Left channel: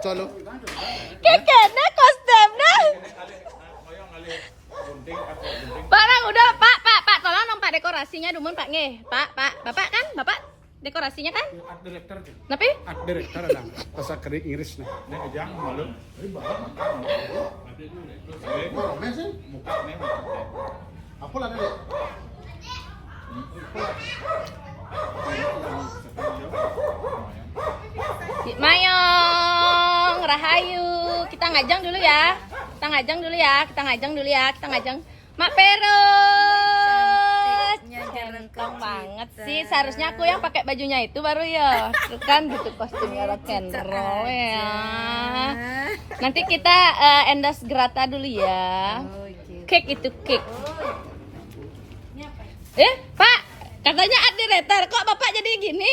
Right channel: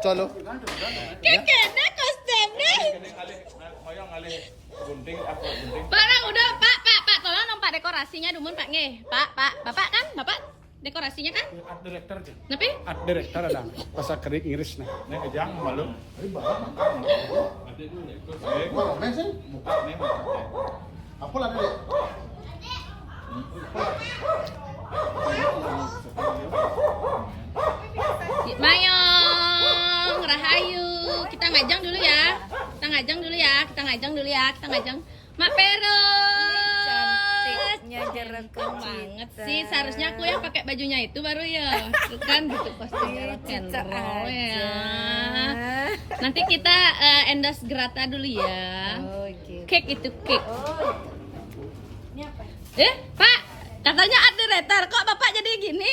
Cholo. Kekene kostumnya. Pak, udah, Pak, tolong dong Pak dekorasinya dumun Pak nge. Pak, Bapak kan? Bapak dekorasinya kan? Art director aja. Tapi? Art director ada. Bahasa kering Inggris nih. Nih kejang malu. Muka nih. Apa lah nih? Mayong, Rahayu. Kita ngajang dulu ya. Kita ngajang. Mak Pero. Ganteng banget sih. Seharusnya aku yang pakai bajunya itu baru ya. Itu kan gitu kostumnya rock and roll ya. Nanti kita endorse Grata dulu ya. Cake itu cake. Pak, katanya art director. Kok Bapak jadi gini?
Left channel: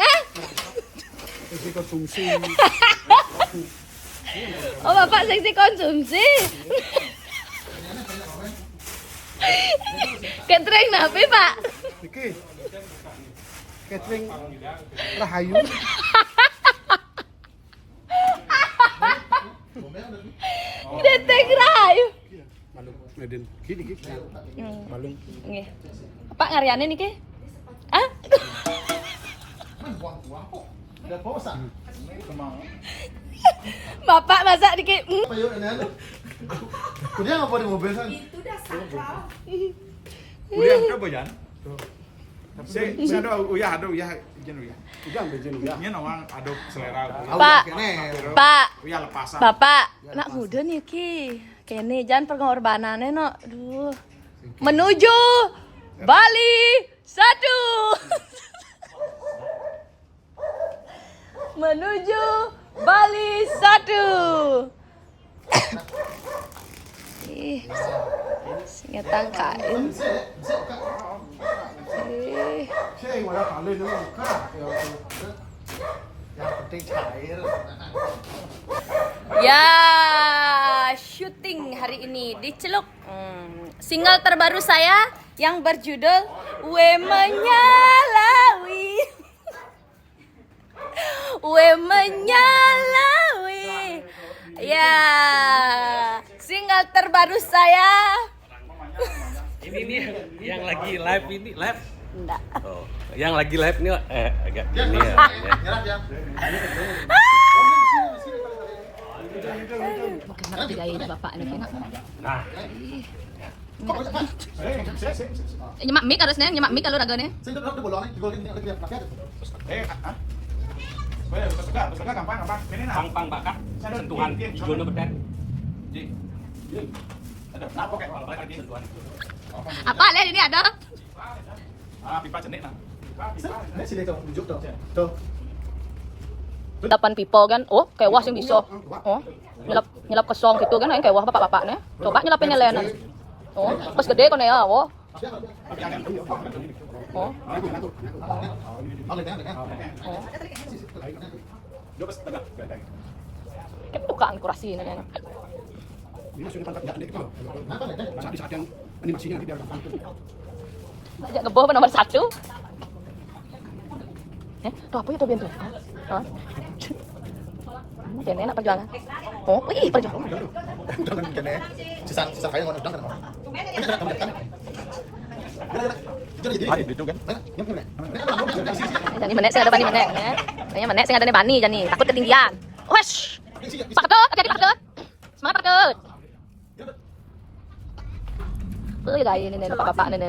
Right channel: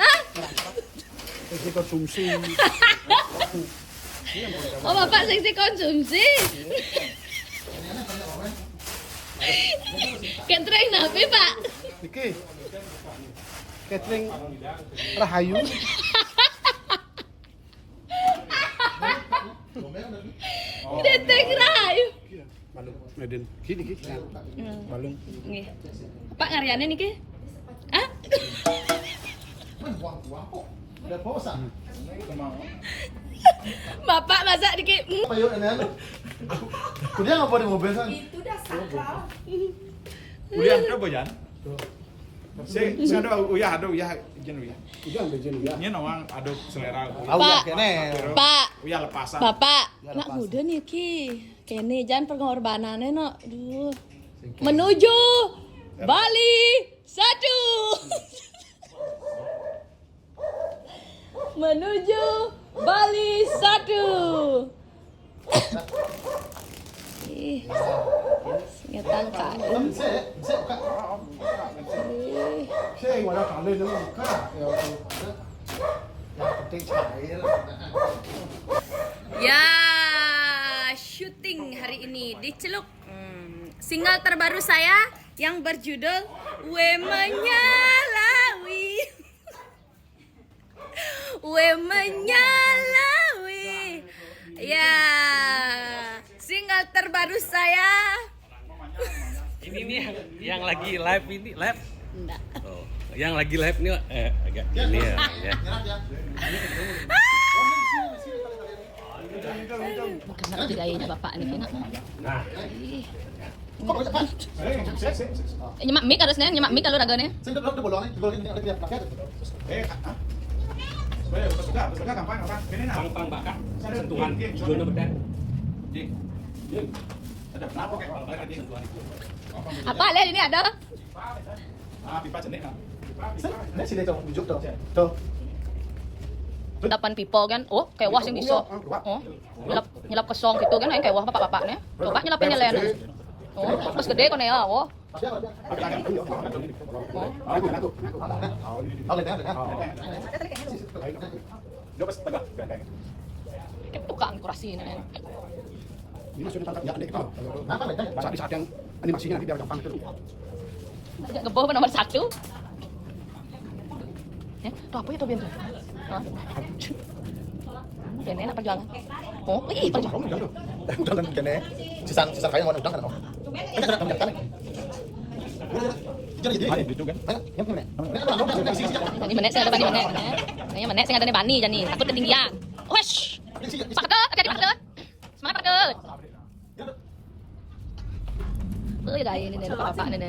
Hah? Seksi konsumsi. Oh, Bapak seksi konsumsi. Catering napi, Pak? Iki. Catering Rahayu. Catering Rahayu. Balung. Medin. Gini. Balung. Nggih. Bapak ngariane niki? Hah? Bapak masak dikit. Kuliah apa di mobil kan? Kuliah apa Jan? Saya ada uyah jen uyah. Udah bejen ya. Ini nawang aduk selera. Pak. Uyah lepasan. Bapak, nak muda nih ki. Kene jangan pengorbanannya no. Aduh. Menuju Bali 1. Menuju Bali 1. Ih, singa tangkain. Ih. Saya yang ada kali dulu kan. Ya penting saya. Ya, syuting hari ini di Celuk. Single terbaru saya yang berjudul We Menyalawi. We Menyalawi. Ya, single terbaru saya. Ini yang lagi live ini live. Enggak. Oh, yang lagi live nih agak gini ya. Kenapa digayain bapak ini? Nah, Nyemak mic harusnya, nyemak mic kalau raganya. Suka gampang. Ini nah. pang bakar sentuhan hijaunya bedan. Ada apa kayak lagi sentuhan. Apa lihat ini ada? Pipa jenik nah. Sini tuh, tunjuk tuh. Tuh. 8 pipo kan. Oh, kewah sih bisa. Oh. Nyelap kosong gitu kan yang kewah bapak-bapaknya. Coba nyelapin nyelenan. Oh, pas gede kon ya, oh. Itu kan kurasi ini. Ini masuknya tangkap ya, gitu. Di saat yang animasinya nanti biar gampang gitu. Ajak ngeboh nomor 1. Tuh apa itu biar Hah? Jangan enak perjuangan. Oh, wih, perjuangan. Jangan kene. Sisa kayak mau udang kan. Jadi gitu kan. Jadi menek sing ada bani menek ya. Saya menek sing ada di bani jani, takut ketinggian. Wesh. Pak Ketut, jadi Pak Ketut. Semangat Pak Ketut. Gaya ini bapak ini.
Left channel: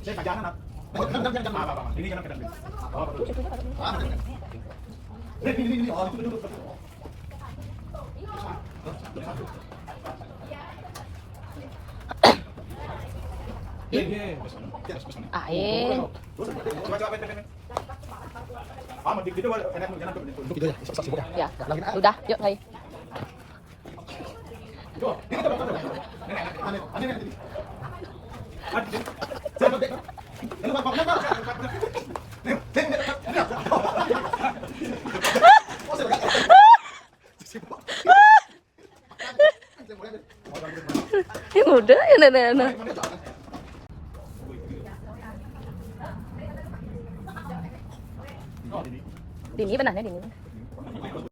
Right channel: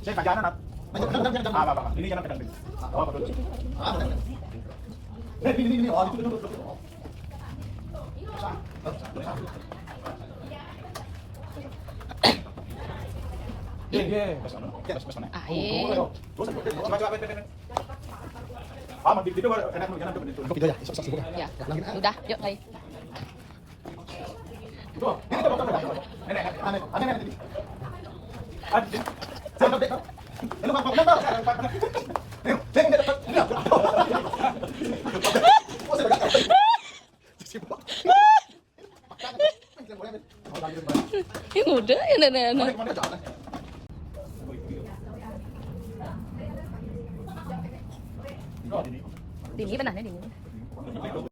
Saya kajanan apa? Ini jalan ke dalam. Ya, udah, yuk lagi. Ini muda ya nenek. Dini benar ya, Dini.